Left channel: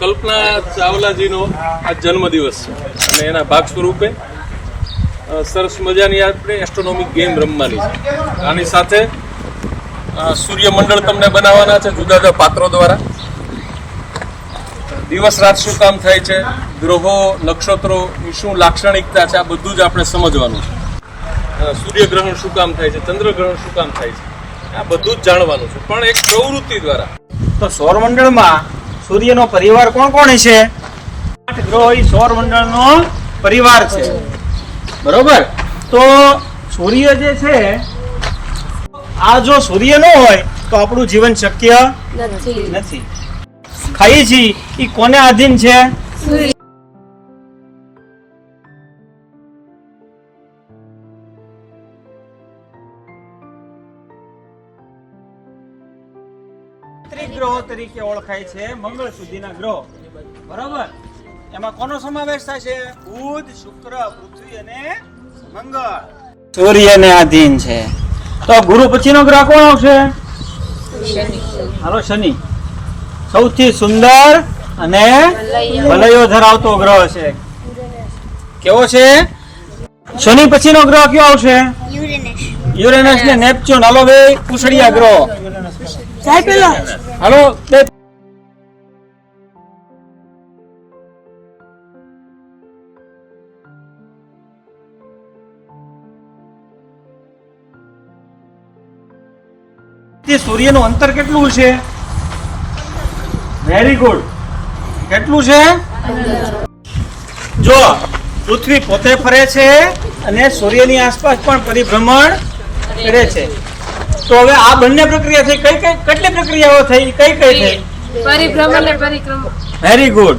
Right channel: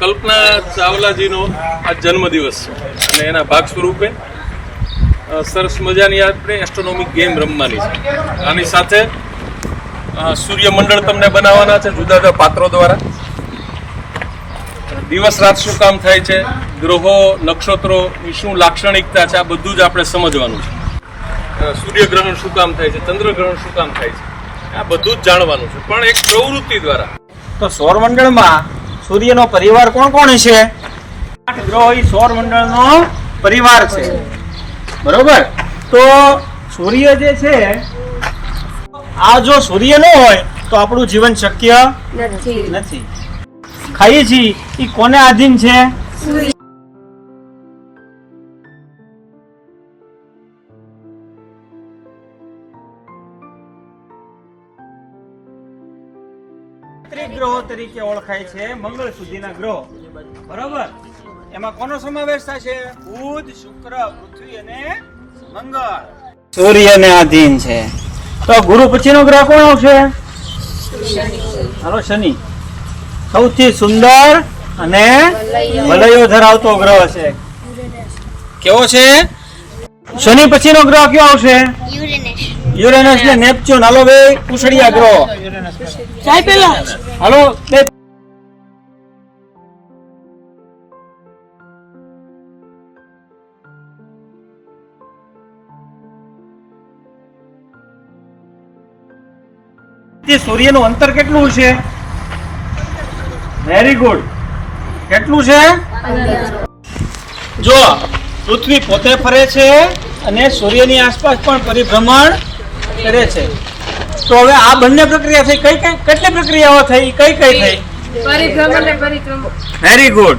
કલ્પના ચાવલાજીનો આ જન્મદિવસ છે અને એના ભાગ સ્વરૂપે સરસ મજાની આપણે એસ્ટ્રોનોમિક ગેમ રમવાની છે. આની સાથે સૂર્યમંડળ તમને બનાવવાના છે જુદા જુદા પાત્રો દ્વારા. દિવસ રાત શું કામ થાય છે, ગ્રહો નક્ષત્રોની શું લાક્ષણિકતા છે, આ બધું જ આપણે સમજવાનું છે. સૂર્યગ્રહણ શું કામ થાય છે, ચંદ્રગ્રહણ શું કામ થાય છે, આ બધું જ જાણવાનું છે, પણ એક પ્રવૃત્તિ દ્વારા. તો સૌરમંડળમાં સૂર્યનો પરિવાર કોણ કોણ છે? 8 ગ્રહો એ સૌરમંડળનો પરિવાર છે. બરોબર. તો સૂર્ય જે છે, આ જો સૂર્ય ન હોય તો આપણું જીવન શક્ય નથી. ખાઈએ છીએ એ કોને આધીન છે? ગ્રહો તરીકે ઓળખાય છે મંગળ સુધીના ગ્રહો. બરોબર. એમાં કોનો સમાવેશ થાય છે? બુધ, શુક્ર, પૃથ્વી અને મંગળ સૂર્યને આધીન છે. તો ગુરુ પછીનો ગ્રહ કોણ આવશે? હાલો, શનિ. સૌથી સુંદર અને વલયો ધરાવતો ગ્રહ છે. કેવો છે? શનિ પછીનો ગ્રહ કયો આવશે? યુરેનસ ને નેપચ્યુન. હાલો બે કુશળિયા ગ્રહ. ચાય પેલા હાલો બે. સૂર્યનું અંતર કેટલું છે? Very good. કેટલું છે? જો પૃથ્વી પોતે ફરે છે અને સૂર્યની આસપાસ પણ પરિભ્રમણ કરે છે. તો હવે આ બંને પ્રક્રિયા થઈ. કેટલી પ્રક્રિયાઓ થઈ? કઈ થઈ? પરિભ્રમણ અને પરિક્રમણ. Very good.